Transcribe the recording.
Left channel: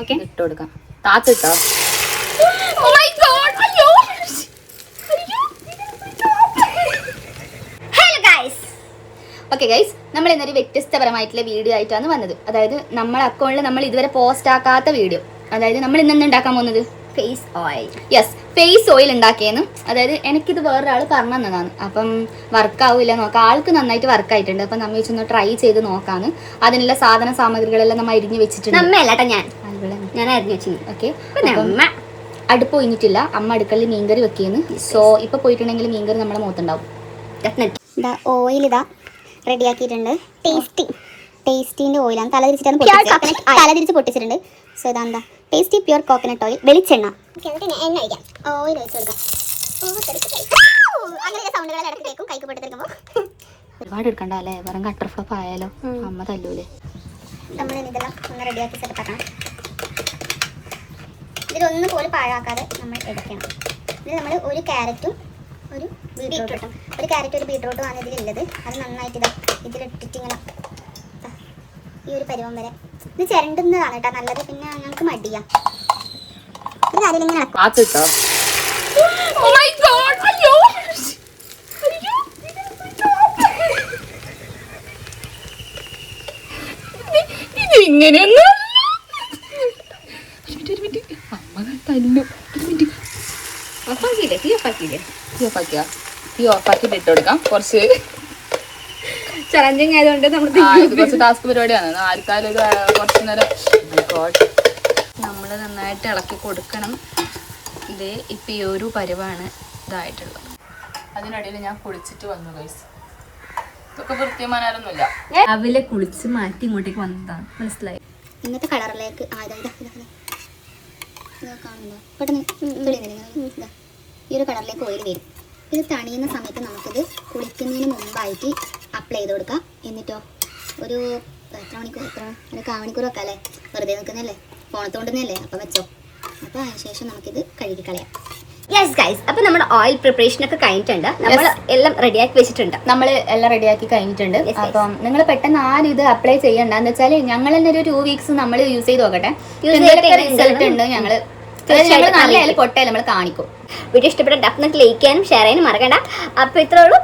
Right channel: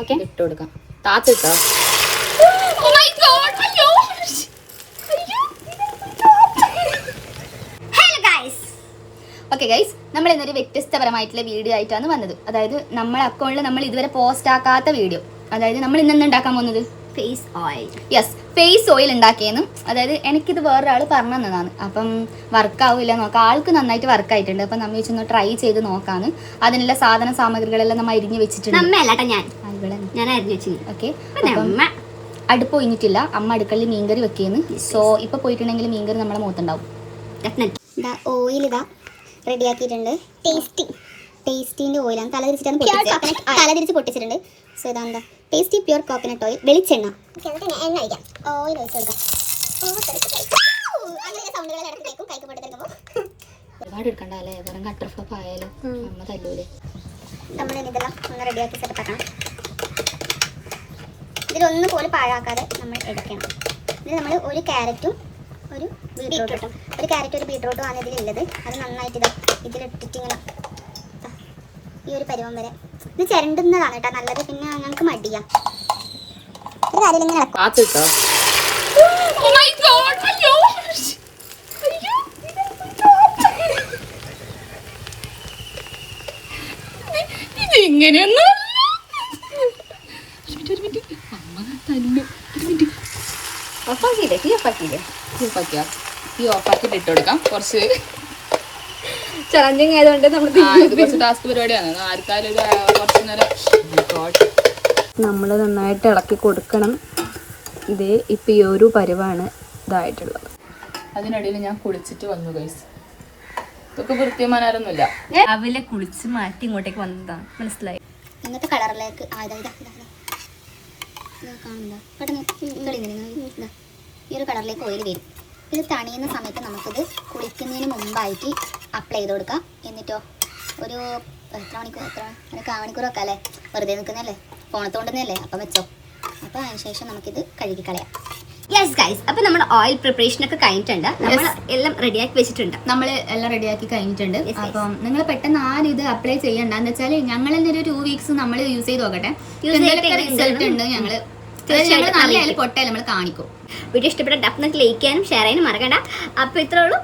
Okay ഇട്ട് കൊടുക്കാം. താത്തിട്ടോ? Okay guys, നമ്മൾ ഇന്നൊരു വ്യത്യസ്തപരമായിട്ടുള്ള വീഡിയോ ആയിട്ടാണ് വന്നത്. അതായത് നമ്മൾ അക്കൗണ്ടിൽ നമ്മൾ ഇതുവരെ പോസ്റ്റ് ആക്കാത്ത വീഡിയോ. അതായത് നമ്മൾ ഇന്ന് ഉണ്ടാക്കാൻ പോകുന്നത് face oil. Yes, face oil ഉണ്ടാക്കിയെന്ന്. അതായത് എനിക്കിത് വേറൊരാൾ പറഞ്ഞു തന്നതാണ്. അപ്പം വർക്കാവില്ല നോക്കാം. ആൾക്ക് നന്നായിട്ട് വർക്ക് ആയിട്ടുണ്ട്. അപ്പം നമ്മൾ വെച്ചൊന്ന് ട്രൈ ചെയ്ത് നോക്കാന്ന്. അതിനുള്ള സാധന സാമഗ്രികളെല്ലാം നമ്മൾ അരിഞ്ഞ് വെച്ചിട്ടുണ്ട്. ഞാൻ അരിഞ്ഞു വെച്ചു. ഓക്കെ, അടുപ്പ് കഴിഞ്ഞിട്ടില്ല. അമ്മ അടുക്കളയിൽ മീൻകറി വെക്കിയെന്ന്. സോ ഇപ്പൊ പോയിട്ടുണ്ടെങ്കിൽ മീൻകറി നമ്മുടെ മുഖത്തുണ്ടാവും. ഓയിൽ ഇതാ റെഡിയാക്കിയിട്ടുണ്ട്. ടേസ്റ്റിന്റെ ഓയിലാണ്. തലതിരിച്ച് പൊട്ടിച്ചിട്ടുണ്ട്. സോ ഇതാ എന്താ ടേസ്റ്റി പ്യൂർ കോക്കനട്ട് ഓയിൽ, വെളിച്ചെണ്ണ. എണ്ണ ഒഴിക്കാം. ഓയിൽ ഒഴിച്ചു കൊടുക്കാം. ഒരുപാട് എടുക്കണ്ട അല്ലേ? വെറും കട്ടർ ഫ്ലോപ്പ് ആയാലോ, അമ്മ തല്ലൂലേ. നമ്മൾ ഇതെല്ലാം ഒന്ന് റെഡിയാക്കി സെറ്റ് ആക്കണം. ഇതിലൊന്നും പോലും പാഴാക്കാതെ നമ്മൾ എടുക്കണം. ഇതിൽ നമ്മൾ ഒരു ക്യാരറ്റും ഒരു ബീട്രൂട്ടും ആണ് ഇതിലുള്ളത്. അത് നന്നായിട്ട് ഇതാ ഇതിലിട്ടിട്ട് ഇങ്ങനെ ഈ ഒരു പരുവം വരെ ഇത് ചിരണ്ടുന്നതാണ് കേട്ടോ നല്ലത്. പിന്നെ ഞങ്ങൾക്ക് മടിയാം. ഇത് ആരെങ്കിലും ഇങ്ങനെ താത്തിട്ടോ? ഇങ്ങനെയൊന്നും അമ്മ തല്ലു. ഓഫാക്കിയില്ലേ? തീ ഓഫാക്കിയില്ലേ? ഈ ഓഫാക്കിട്ട് ഇട്ട് കൊടുക്കാം. കുറച്ച് ചലഞ്ചിങ് ആയതുകൊണ്ട് നമ്മൾ കുറച്ച് ടാസ്ക് പരിപാടിയാണ്. ആർക്കാരും ഒരു കുറച്ച് നേരം നമ്മൾ നന്നായിട്ട് ഇളക്കി കൊടുക്കണം. ഇത് ഇപ്പം ഈ ഒരു പരുവാണ് ഇതായിട്ടുള്ളത്. അതിനിടയിൽ ഞാൻ കുളിച്ചിട്ട് വന്നു ഗൈസ്. ഇതൊക്കെ വൃത്തിമാനാരൊന്നുമില്ല. അവലെ കുളിച്ച് മാറ്റി ഇങ്ങോട്ടേക്ക് വന്നതാണ്. മനസ്സിലായി? ഇന്നത്തെ കളറിലേക്ക് കാണുന്നുണ്ടോ? പെട്ടെന്ന് ഈ ഒരു കളറിലേക്ക് ഓയിൽ വരും. ഇത് തണിയുന്ന സമയത്ത് നമുക്കിത് കുളിക്കുന്നതിന് മുമ്പായിട്ട് അപ്ലൈ ചെയ്ത് കൊടുക്കാം. എന്നിട്ടോ ഒരു എത്ര മണിക്കൂറൊക്കെ അല്ലേ? വെറുതെ നിൽക്കുന്നല്ലേ, ഫോണത്തോണ്ടുന്നല്ലേ, അപ്പം വെച്ചോ. അപ്പോൾ അതിനുശേഷം നമുക്കിത് കഴുകി കളയാം. യെസ് ഗൈസ്, അപ്പോൾ നമ്മുടെ ഓയിൽ പ്രിപ്പറേഷൻ ഒക്കെ കഴിഞ്ഞിട്ടുണ്ട്. നമ്മൾ എല്ലാം റെഡിയാക്കി വെച്ചിട്ടുണ്ട്. നമ്മൾ എല്ലാം റെഡിയാക്കി കഴിഞ്ഞിട്ടുണ്ട്. അപ്പം നിങ്ങൾ പെട്ടെന്ന് ആരും ഇത് അപ്ലൈ ചെയ്യണ്ട. എന്ന് വെച്ചാൽ ഞങ്ങൾ തന്നെ ഒരു 2 weeks നമ്മൾ യൂസ് ചെയ്ത് നോക്കട്ടെ. റിസൾട്ട് ഉണ്ട്. ഞങ്ങൾ നല്ലതായാലും പൊട്ടയാലും നമ്മൾ കാണിക്കും. വീഡിയോ ഇഷ്ടപ്പെട്ട ഡെഫിനറ്റ്ലി ലൈക്ക് ചെയ്യാനും ഷെയർ ചെയ്യാനും മറക്കണ്ട. അപ്പോൾ ഇത്രേ ഉള്ളൂ.